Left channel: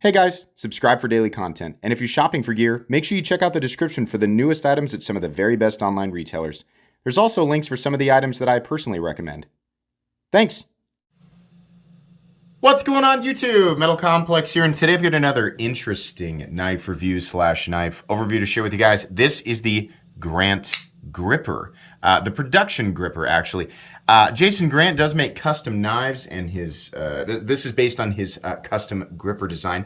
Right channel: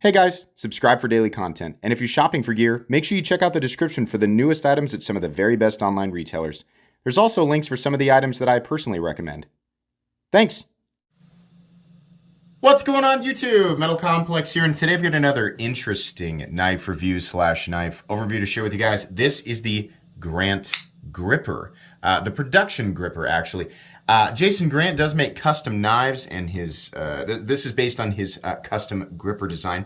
Hey guys, subscribe for daily content. And if you're shopping for gear, make sure you check out the description for the newest items at some of the very best online retailers. There's also links for some of the items that I personally recommend. Thanks! What's going on YouTube? Metal Complex here, and today I've got another interesting knife review slash knife overview to share with you guys. This is the Grant Gripper, the production gripper actually. Jason Grant does make custom knives, and his this is based on his custom gripper design.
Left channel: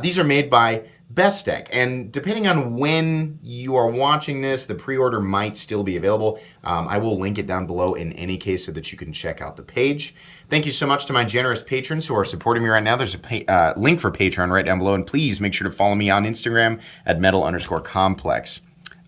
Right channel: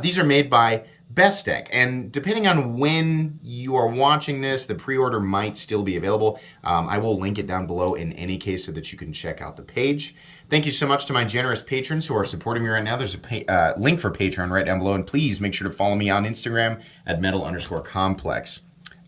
These are made by Bestech, and depending on when you are watching this, the pre-order might still be available. I will link it down below in any case so that you can check out the page. Thank you so much to my generous patrons who are supporting me right now. There's a link for Patreon right down below, and please make sure to follow me on Instagram at metal_complex.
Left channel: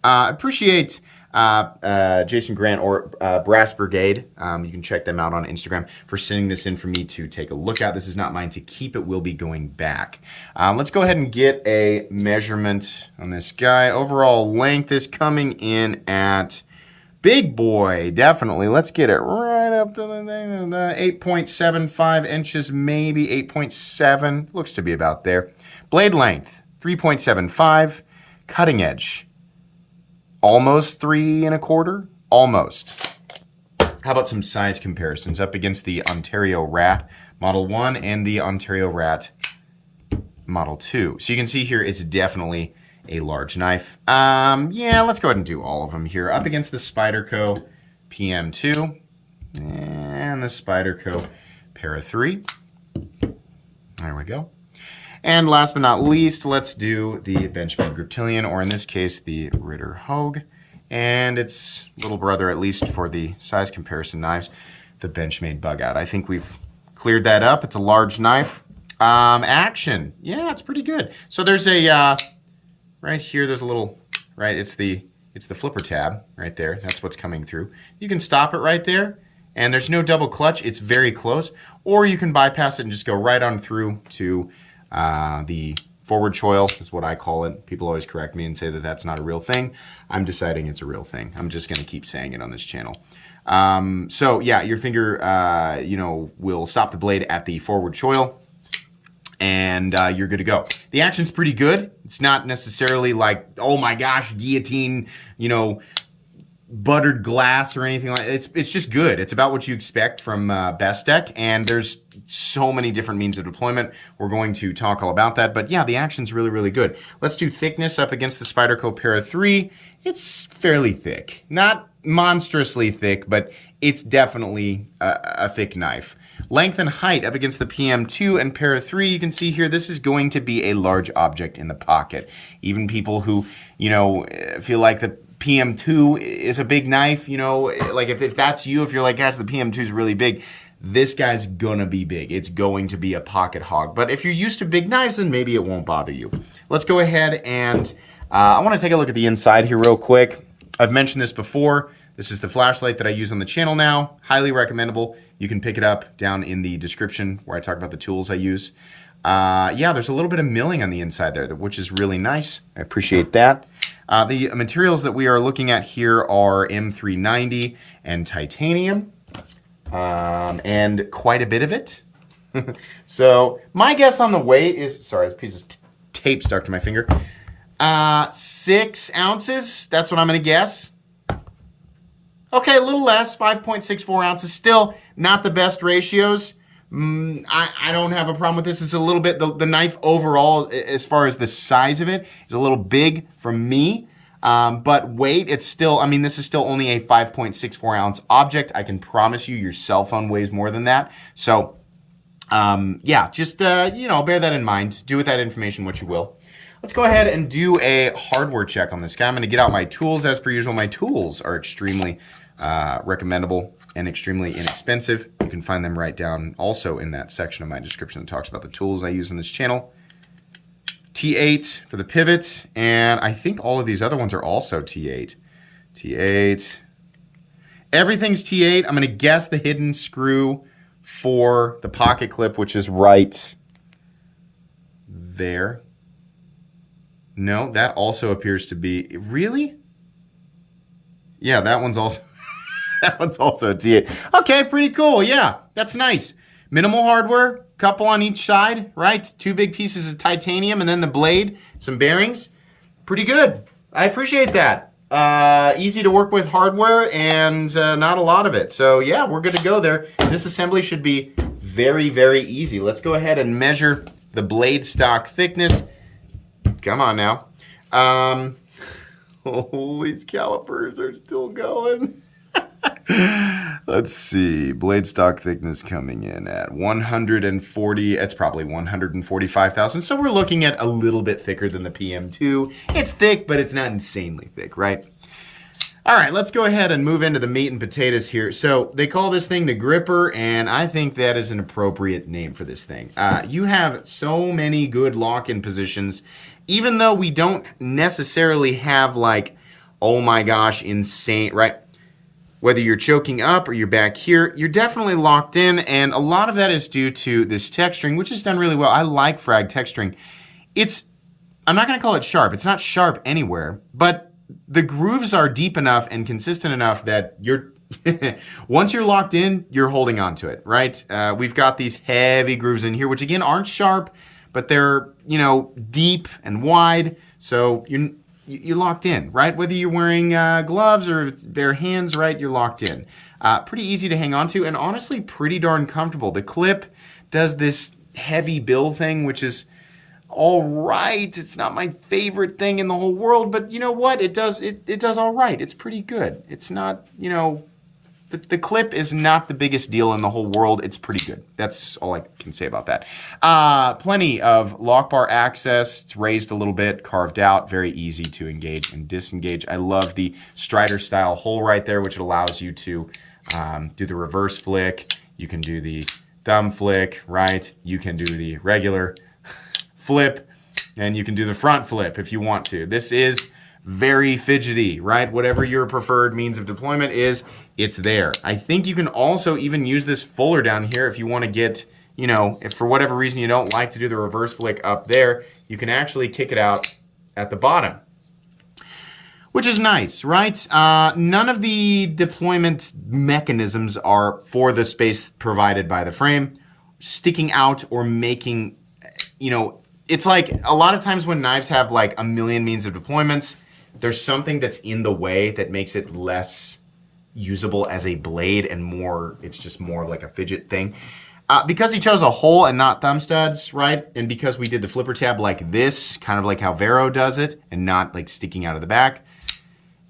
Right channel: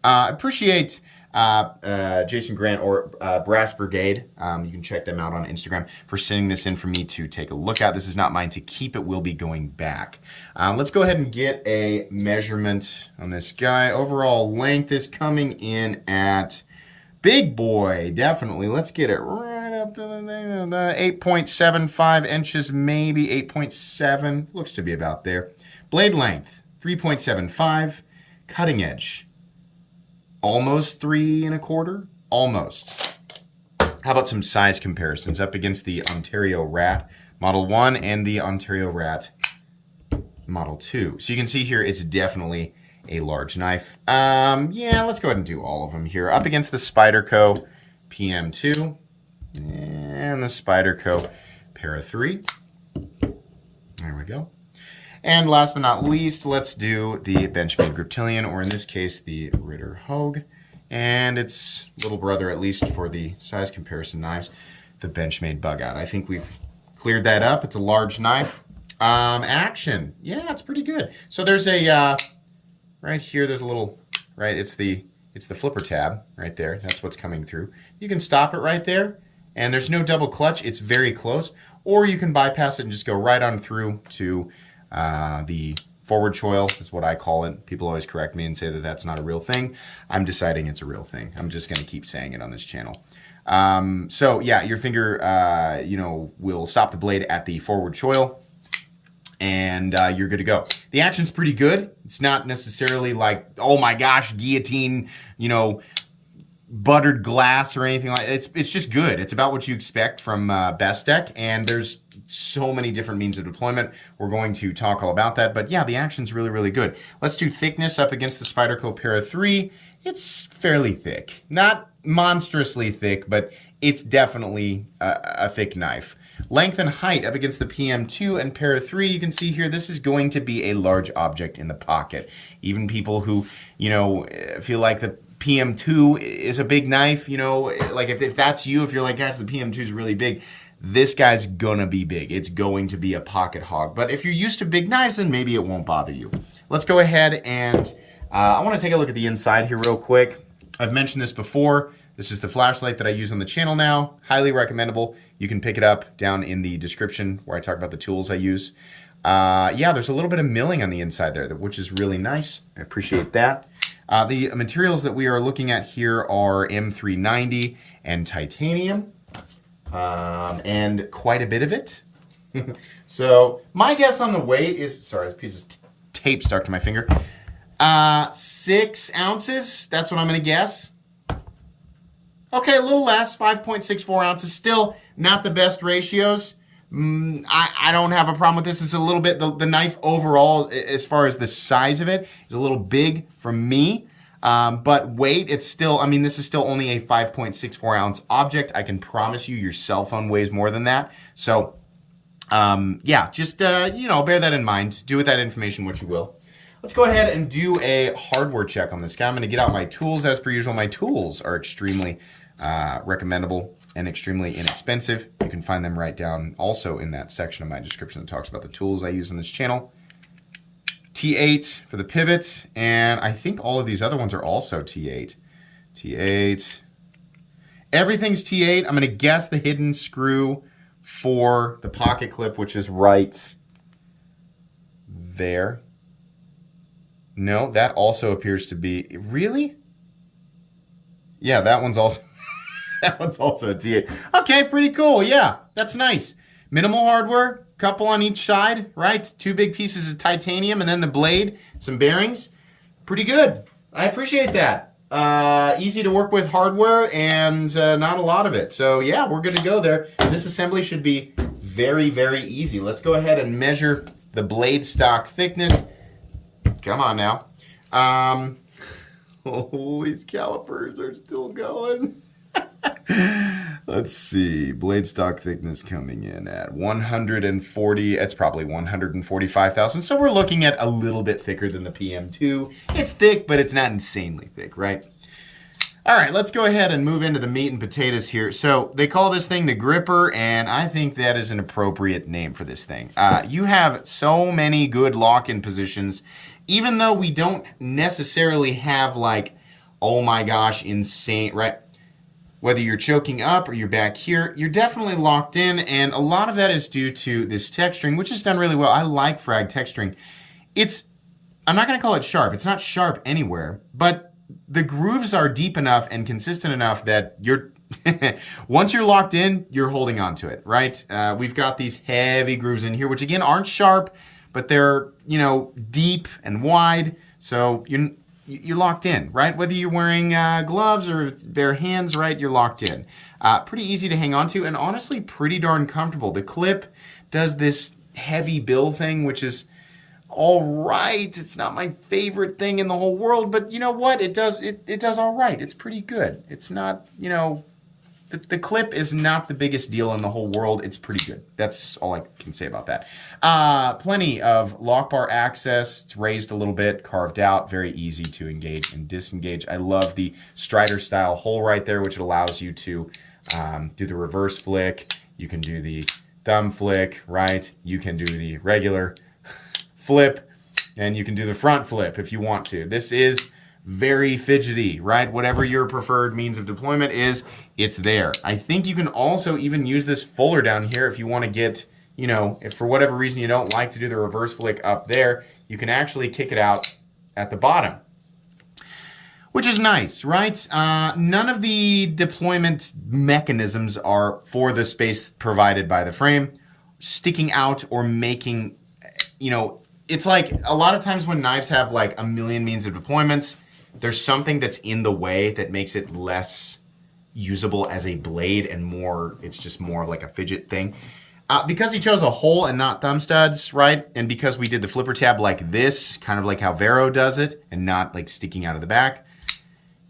Appreciate Jason Grant or Brass Brigade. You can check them out on Instagram for sending this in for me to take a look at. This is not mine to keep. It will be going back. Let's go ahead and get a measurement on this guy. Overall length is coming in at big boy, definitely. Let's get it right up to the 8.75 inches, maybe 8.7. Looks to be about there. Blade length, 3.75. Cutting edge, almost 3 1/4, almost. How about some size comparisons up against the Ontario Rat Model 1 and the Ontario Rat Model 2. So you can see here it's definitely a large knife. Yeah, let's go ahead and do all of them here. Up against the Spyderco PM2 and the Spyderco Para 3. There we go. And last but not least, let's do the Benchmade Griptilian, or in this case, the Ritter Hogue. And its little brother, at least for the size comparison knives, the Benchmade Bug Out. I think we've cleared that up. It's a large knife. Action. Yeah, it's pretty good. So there's a, right here, there's a little, right, it's the flipper tab right there. That's what's coming through. You can stop it right there, and there's no double clutch. It's very close. Or you can bypass it and just go right on through to the forward choil is what I call it. People always correct me and say that that's not a real thing. I'm deciding it's a real thing. I'm just going to keep saying it on this channel. So yeah, your finger, will stop the blade at the forward choil, and you're good to go. The action's pretty good. It's not necessarily like, oh my gosh, guillotine, buttered glass or anything like that. It's just good. It's about what you expect from Bestech, and there's so many different means of deployment. We're going to talk all about that, but yeah, the action's really, really good. Let's do thickness up against the Spyderco Para 3. It's fairly thick. Not monstrously thick, but it's definitely a thick knife. Length and height up against the PM2 and Para 3, you can see here, this is going to be a large object in the pocket. Even people who, feel like the PM2 is a big knife, like if that's you, if you're like, gosh, the PM2 is really big, this guy's gonna be big. It's going to be a pocket hog. But if you're used to big knives, then maybe it won't bother you. Let's go ahead and I want to take a look at the inside here real quick. I've mentioned this before. This is the flashlight that I use on the channel now. Highly recommendable. You can pick it up down in the description where I talk about the tools I use. Yeah, there's a little bit of milling on the inside there, which is really nice. I appreciate that. The materials that we are looking at here are M390 and titanium, and quite a bit of it. So my guess on the weight is, sorry, this piece of tape stuck to my finger. 6 ounces, that's what I'm gonna guess. Okay, a little less, 5.64 ounces. Still not the best ratios. I don't have a problem with this. It's a little bit, the knife overall, as far as the size of it, is a little big for me. But weight, it's still, this is still only a 5.64 ounce object. I can promise you your cell phone weighs more than that. So, yeah, just, bear that in mind. Do with that information what you will. Let's go ahead and do a hardware check on this guy. I'm going to get out my tools as per usual. My tools are extremely recommendable and extremely inexpensive. You can find them right down also in that section of my description that talks about the tools I use on this channel. T8 for the pivot, and I think all of these other ones are also T8. T8. Everything's T8. I'm going to guess the hidden screw for the pocket clip, which is right there. No, that also appears to be, really? Yeah, that one's also that one's also a T8. Okay, pretty cool. Yeah, that's nice. Minimal hardware, couple on each side, right? 2 big pieces of titanium, and then the blade, some bearings. Pretty good. I appreciate that. Easy to work with hardware and not a lot of it. So yeah, we're good to go there. This assembly should be very, very easy. Let's go ahead and measure the blade stock thickness. Come on now. Oh, these calipers are still going. Let's see. Blade stock thickness coming in at 140. It's probably 145,000. So we're looking at a little bit thicker than the PM2. It's thick, but it's not insanely thick, right? All right, let's go ahead and move into the meat and potatoes here. So they call this thing the gripper, and I think that is an appropriate name for this thing. You have so many good lock-in positions, even though we don't necessarily have like, oh my gosh, insane, right? Whether you're choking up or you're back here, you're definitely locked in, and a lot of that is due to this texturing, which is done really well. I like frag texturing. I'm not going to call it sharp. It's not sharp anywhere, but the grooves are deep enough and consistent enough that you're once you're locked in, you're holding on to it, right? We've got these heavy grooves in here, which again aren't sharp, but they're, you know, deep and wide, so you're locked in, right? Whether you're wearing gloves or bare hands, right, you're locked in. Pretty easy to hang on to, and honestly pretty darn comfortable. The clip does this heavy bill thing, which is all right. It's not my favorite thing in the whole world, but you know what? It does all right. It's pretty good. It's not, you know, the clip is not the biggest deal in the whole world. It's pretty good. That's all I can say about that. Plenty of lock bar access. It's raised a little bit, carved out, very easy to engage and disengage. I love the Strider style hole right there, which allows you to do the reverse flick. You can do the thumb flick, right? You can do the regular flip, and you can do the front flip if you want to. This is very fidgety, right? Whatever your preferred means of deployment is, it's there. I think you can also even use this fuller down here if you want to get, you know, if for whatever reason you don't like to do the reverse flick up there, you can actually kick it out at the bottom, which is nice, right? None of the deployment mechanisms are for the space provided by the frame, sticking out or making, you know, it's like a lot of times when knives have like a million means of deployments, there's something that's in the way that makes it less usable as a blade and more, it's just more like a fidget thing. Because he chose a hole and not thumb studs, right? And because we did the flipper tab like this, kind of like how Vero does it, and not like sticking out of the back,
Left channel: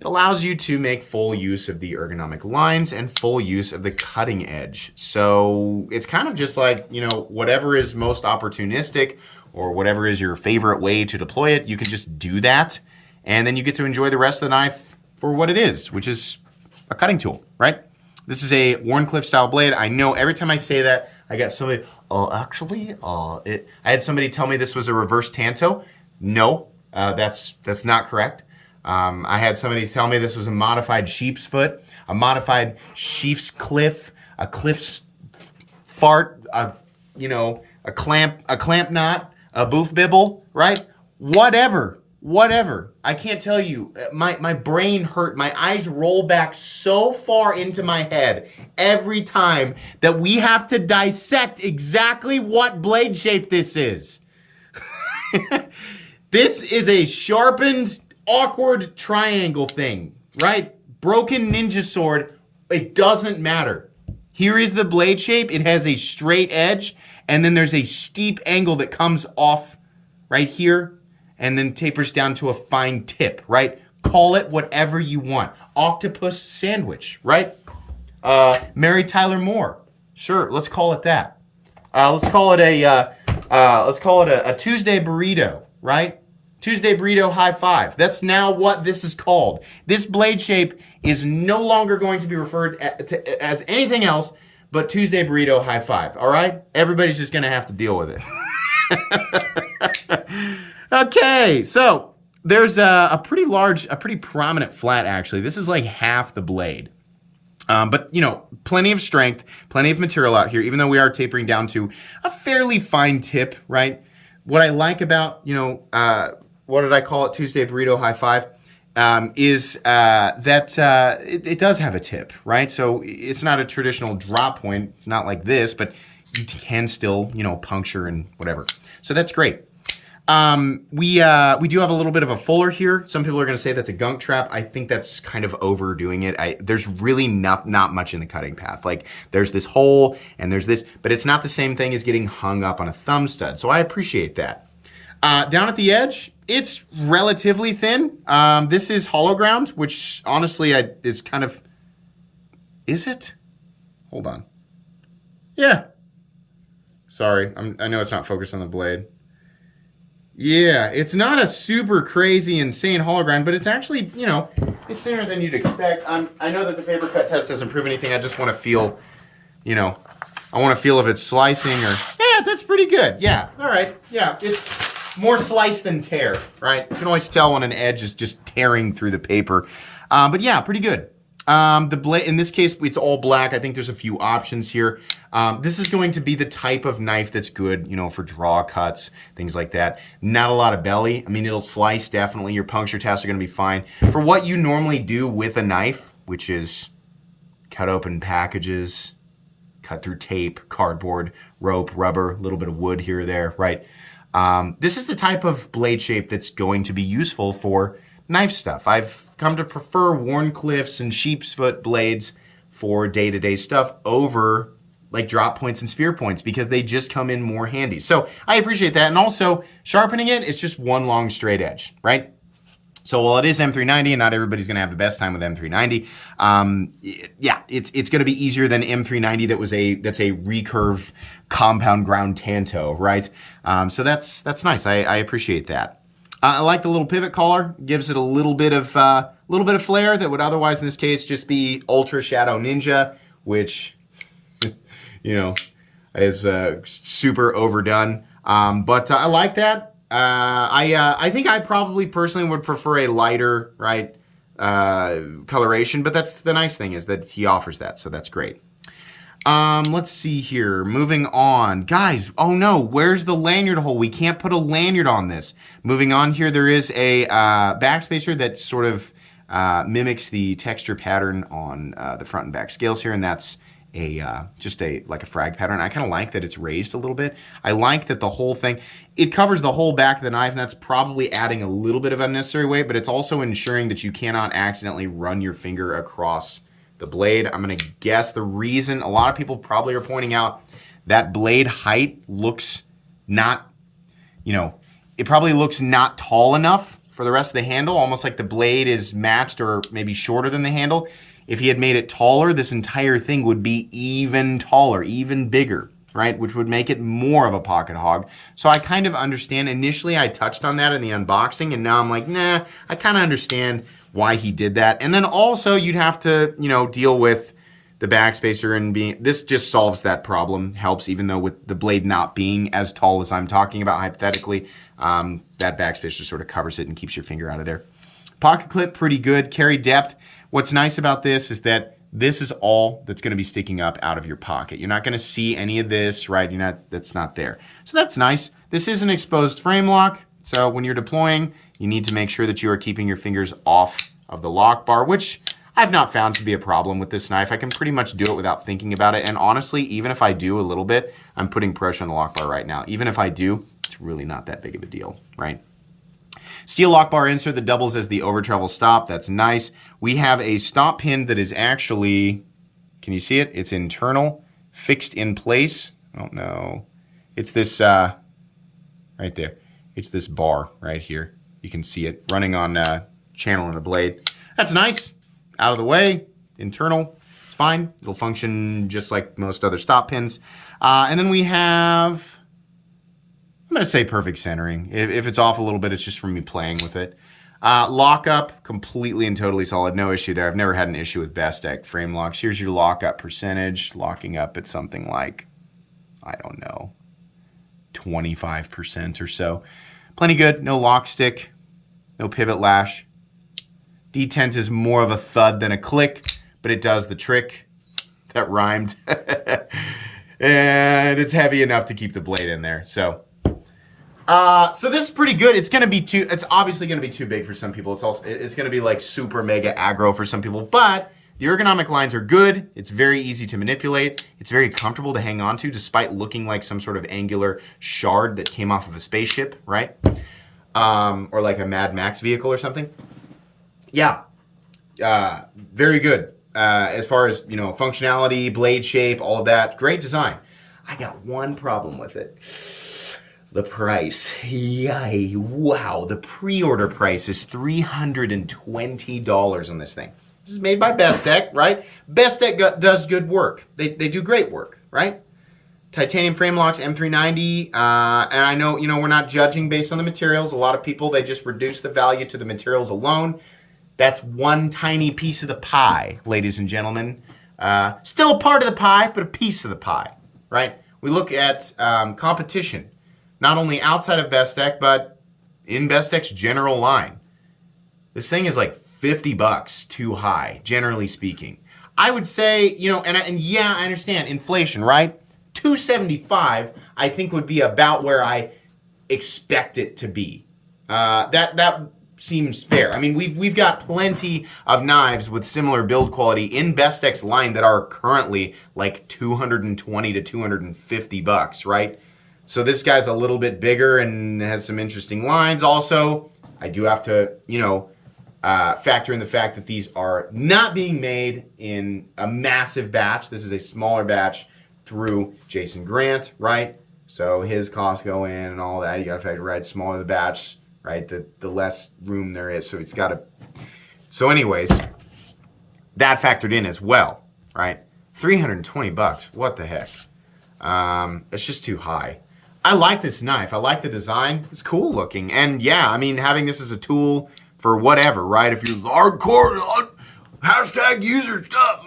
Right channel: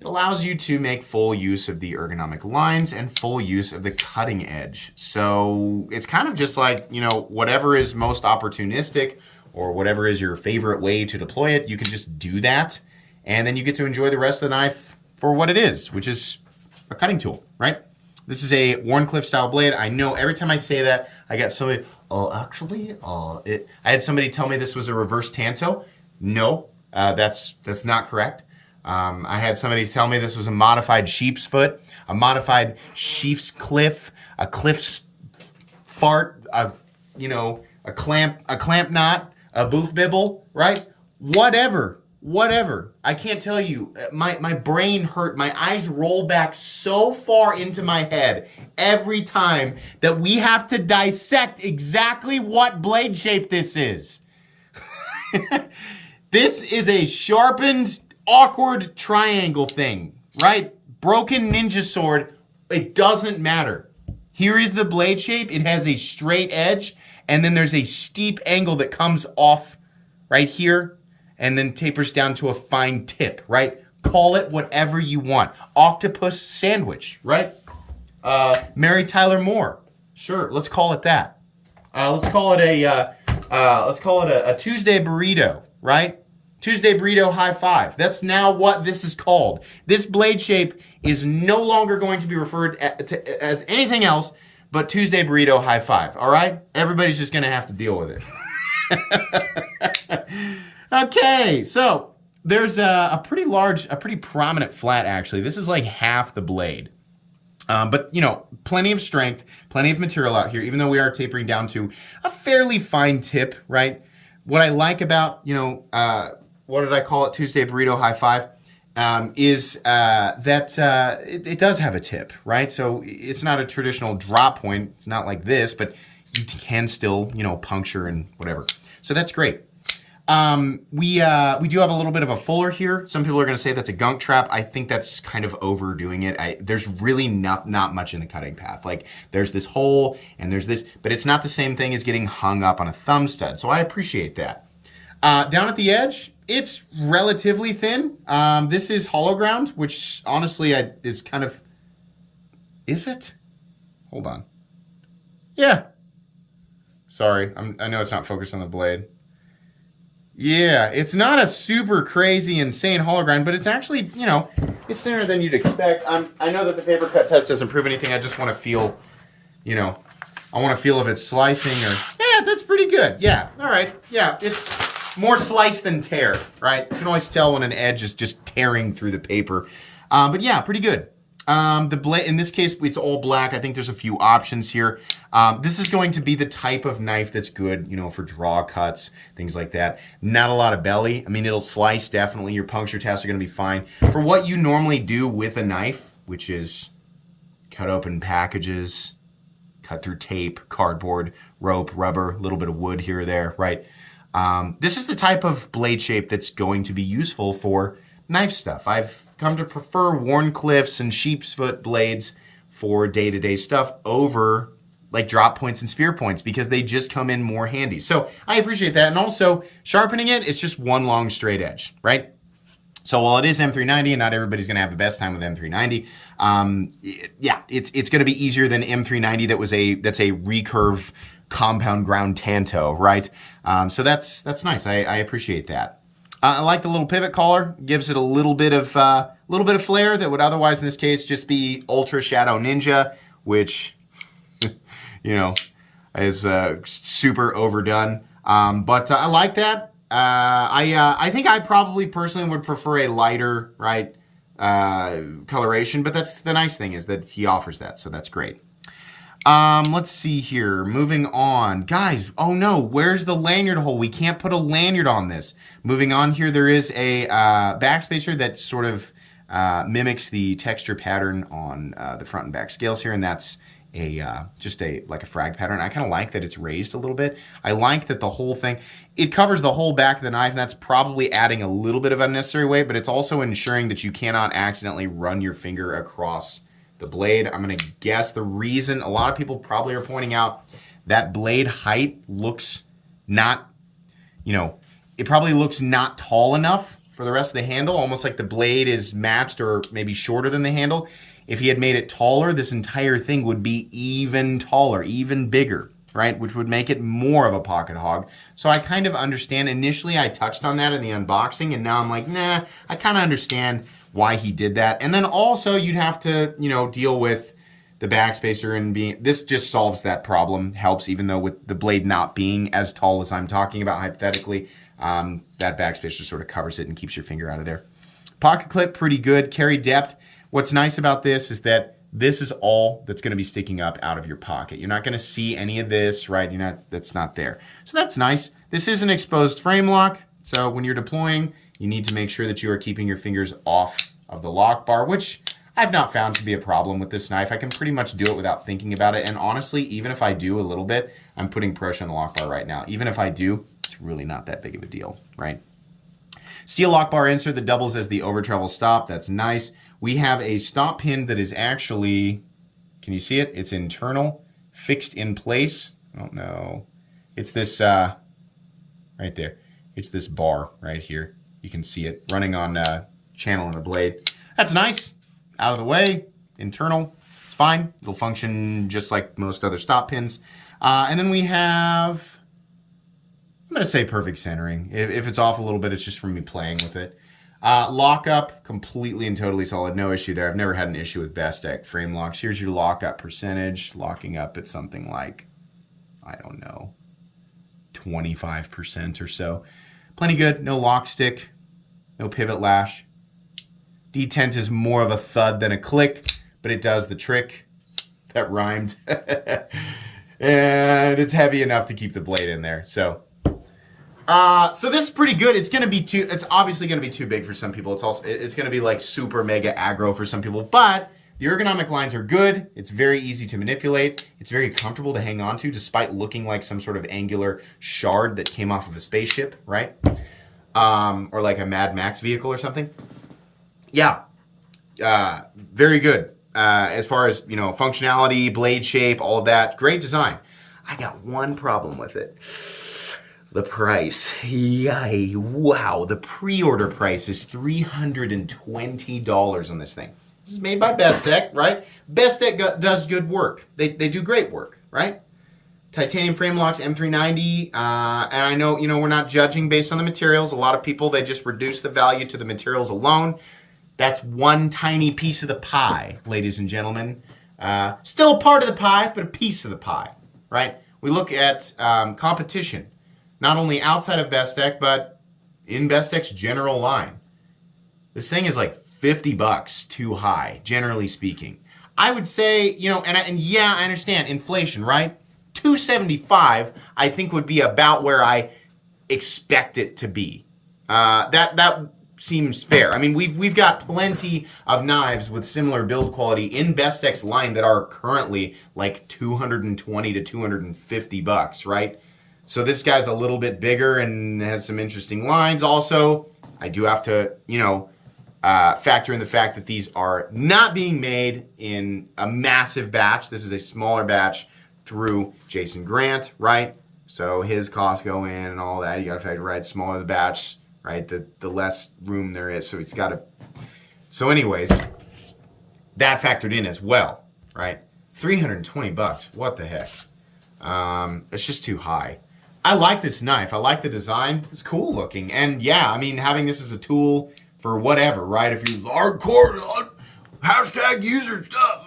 it allows you to make full use of the ergonomic lines and full use of the cutting edge. So it's kind of just like, you know, whatever is most opportunistic or whatever is your favorite way to deploy it, you can just do that. And then you get to enjoy the rest of the knife for what it is, which is a cutting tool, right? This is a Wharncliffe style blade. I know every time I say that, I get somebody, I had somebody tell me this was a reverse Tanto. No, that's not correct. I had somebody tell me this was a modified sheep's foot, a modified sheep's cliff, a cliff's fart, you know, a clamp knot, a boof bibble, right? Whatever. I can't tell you. My brain hurt. My eyes roll back so far into my head every time that we have to dissect exactly what blade shape this is. This is a sharpened, awkward triangle thing, right? Broken ninja sword. It doesn't matter. Here is the blade shape. It has a straight edge, and then there's a steep angle that comes off right here and then tapers down to a fine tip, right? Call it whatever you want. Octopus sandwich, right? Mary Tyler Moore. Sure, let's call it that. Let's call it a Tuesday burrito, right? Tuesday burrito high five. That's now what this is called. This blade shape is no longer going to be referred to as anything else but Tuesday burrito high five, all right? Everybody's just gonna have to deal with it. Okay, so there's a pretty prominent flat actually. This is like half the blade. But, you know, plenty of strength, plenty of material out here, even though we are tapering down to a fairly fine tip, right? What I like about, you know, what did I call it? Tuesday burrito high five, is that it does have a tip, right? So it's not a traditional drop point. It's not like this, but you can still, you know, puncture and whatever. So that's great. We do have a little bit of a fuller here. Some people are going to say that's a gunk trap. I think that's kind of overdoing it. There's really not much in the cutting path. Like there's this hole and there's this, but it's not the same thing as getting hung up on a thumb stud. So I appreciate that. Down at the edge, it's relatively thin. This is hollow ground, which honestly is kind of, is it? Hold on. Yeah. Sorry, I know it's not focused on the blade. Yeah, it's not a super crazy, insane hollow ground, but it's actually, you know, it's thinner than you'd expect. I know that the paper cut test doesn't prove anything. I just want to feel, you know, I want to feel if it's slicing or, yeah, that's pretty good. Yeah, all right. Yeah, it's more slice than tear, right? You can always tell when an edge is just tearing through the paper. But yeah, pretty good. The blade, in this case, it's all black. I think there's a few options here. This is going to be the type of knife that's good, you know, for draw cuts, things like that. Not a lot of belly. I mean, it'll slice definitely. Your puncture tests are going to be fine. For what you normally do with a knife, which is cut open packages, cut through tape, cardboard, rope, rubber, a little bit of wood here or there, right? This is the type of blade shape that's going to be useful for knife stuff. I've come to prefer Wharncliffe's and sheepsfoot blades for day-to-day stuff over like drop points and spear points because they just come in more handy. So I appreciate that. And also sharpening it's just one long straight edge, right? So while it is M390 and not everybody's going to have the best time with M390, yeah, it's going to be easier than M390 that's a recurve compound ground tanto, right? So that's nice. I appreciate that. I like the little pivot collar. Gives it a little bit of flair that would otherwise in this case just be Ultra Shadow Ninja, which you know is super overdone. But I like that. I think I probably personally would prefer a lighter, right, coloration. But that's the nice thing is that he offers that, so that's great. Let's see here. Moving on. Guys, oh no, where's the lanyard hole? We can't put a lanyard on this. Moving on here, there is a backspacer that sort of mimics the texture pattern on the front and back scales here, and that's just like a frag pattern. I kind of like that it's raised a little bit. I like that the whole thing, it covers the whole back of the knife, and that's probably adding a little bit of unnecessary weight, but it's also ensuring that you cannot accidentally run your finger across the blade. I'm going to guess the reason a lot of people probably are pointing out that blade height looks not, you know, it probably looks not tall enough for the rest of the handle, almost like the blade is matched or maybe shorter than the handle. If he had made it taller, this entire thing would be even taller, even bigger, right? Which would make it more of a pocket hog. So I kind of understand. Initially, I touched on that in the unboxing, and now I'm like, nah, I kind of understand why he did that. And then also you'd have to, you know, deal with the backspacer and being, this just solves that problem, helps, even though with the blade not being as tall as I'm talking about hypothetically, that backspacer sort of covers it and keeps your finger out of there. Pocket clip, pretty good. Carry depth. What's nice about this is that this is all that's going to be sticking up out of your pocket. You're not going to see any of this, right? That's not there. So that's nice. This is an exposed frame lock. So when you're deploying, you need to make sure that you are keeping your fingers off of the lock bar, which I've not found to be a problem with this knife. I can pretty much do it without thinking about it. And honestly, even if I do a little bit, I'm putting pressure on the lock bar right now. Even if I do, it's really not that big of a deal, right? Steel lock bar insert that doubles as the over travel stop. That's nice. We have a stop pin that is actually, can you see it? It's internal, fixed in place. I don't know. It's this, right there. It's this bar right here. You can see it running on channel in the blade. That's nice. Out of the way, internal. It's fine. It'll function just like most other stop pins. And then we have, I'm going to say perfect centering. If it's off a little bit, it's just from me playing with it. Lockup, completely and totally solid. No issue there. I've never had an issue with Bestech frame locks. Here's your lockup percentage. Locking up at something like, I don't know, 25% or so. Plenty good. No lock stick. No pivot lash. Detent is more of a thud than a click, but it does the trick. That rhymed. And it's heavy enough to keep the blade in there. So this is pretty good. It's obviously gonna be too big for some people. It's going to be like super mega aggro for some people, but The ergonomic lines are good. It's very easy to manipulate. It's very comfortable to hang on to despite looking like some sort of angular shard that came off of a spaceship, right? Or like a Mad Max vehicle or something. Yeah, very good. As far as, you know, functionality, blade shape, all of that. Great design. I got one problem with it. The price. Yay. Wow. The pre-order price is $320 on this thing. This is made by Bestech, right? Bestech does good work. They do great work, right? Titanium frame locks, M390. And I know, you know, we're not judging based on the materials. A lot of people, they just reduce the value to the materials alone. That's one tiny piece of the pie, ladies and gentlemen. Still a part of the pie, but a piece of the pie, right? We look at competition, not only outside of Bestech, but in Bestech's general line. This thing is like $50 too high, generally speaking. I would say, you know, and yeah, I understand inflation, right? $275, I think, would be about where I expect it to be. That seems fair. I mean, we've got plenty of knives with similar build quality in Bestech's line that are currently like $220 to $250, right? So this guy's a little bit bigger and has some interesting lines. Also, I do have to, you know, factor in the fact that these are not being made in a massive batch. This is a smaller batch through Jason Grant, right? So his costs go in and all that. You got to factor, right? Smaller the batch, right? The less room there is. So it's got to. So, anyways, that factored in as well, right? $320. What the heck? It's just too high. I like this knife. I like the design. It's cool looking. And yeah, I mean, having this as a tool for whatever, right? If you're hardcore hashtag user stuff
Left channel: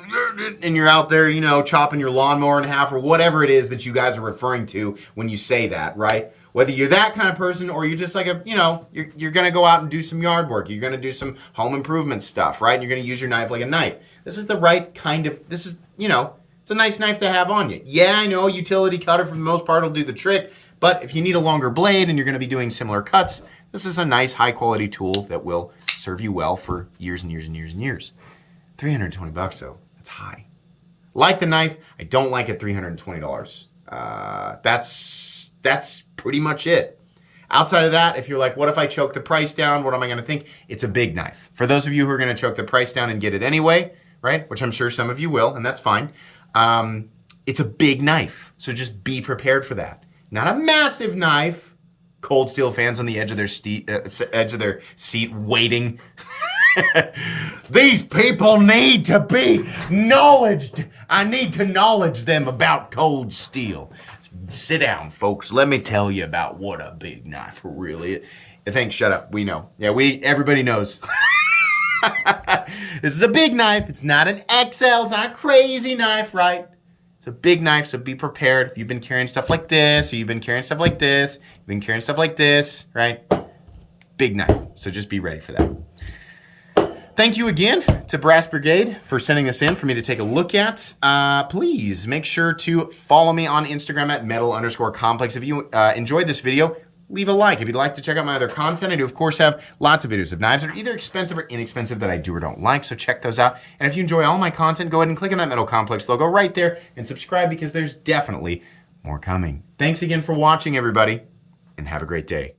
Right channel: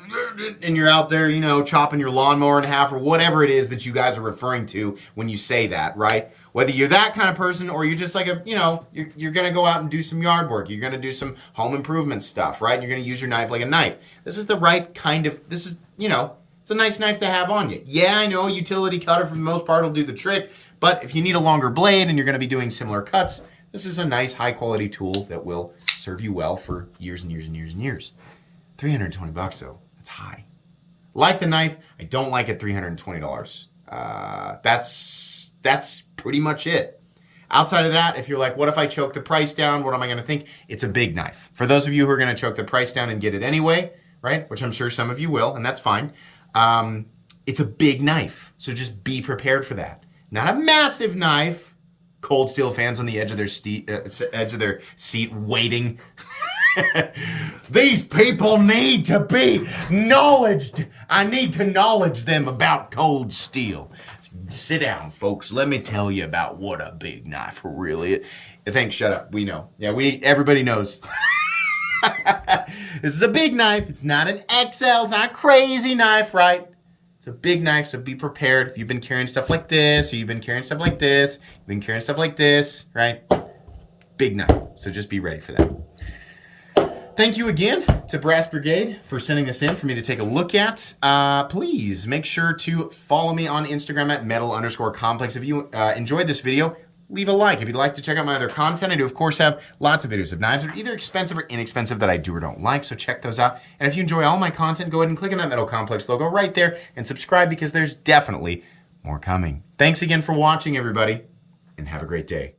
and you're out there, you know, chopping your lawnmower in half or whatever it is that you guys are referring to when you say that, right? Whether you're that kind of person or you're just like a, you know, you're going to go out and do some yard work. You're going to do some home improvement stuff, right? And you're going to use your knife like a knife. This is the right kind of, this is, you know, it's a nice knife to have on you. Yeah, I know a utility cutter for the most part will do the trick, but if you need a longer blade and you're going to be doing similar cuts, this is a nice high quality tool that will serve you well for years and years and years and years. $320 though, that's high. Like the knife, I don't like it $320. That's pretty much it. Outside of that, if you're like, what if I choke the price down? What am I gonna think? It's a big knife. For those of you who are gonna choke the price down and get it anyway, right? Which I'm sure some of you will, and that's fine. It's a big knife, so just be prepared for that. Not a massive knife. Cold Steel fans on the edge of their seat waiting. These people need to be knowledged. I need to knowledge them about Cold Steel. Sit down, folks. Let me tell you about what a big knife really is. Thanks, shut up. We know. Yeah, everybody knows. This is a big knife. It's not an XL. It's not a crazy knife, right? It's a big knife, so be prepared. If you've been carrying stuff like this, or you've been carrying stuff like this, you've been carrying stuff like this, right? Big knife. So just be ready for that. Thank you again to Brass Brigade for sending this in for me to take a look at. Please make sure to follow me on Instagram at metal_complex. If you enjoyed this video, leave a like. If you'd like to check out my other content, I do, of course, have lots of videos of knives that are either expensive or inexpensive that I do or don't like, so check those out. And if you enjoy all my content, go ahead and click on that Metal Complex logo right there and subscribe because there's definitely more coming. Thanks again for watching, everybody, and have a great day.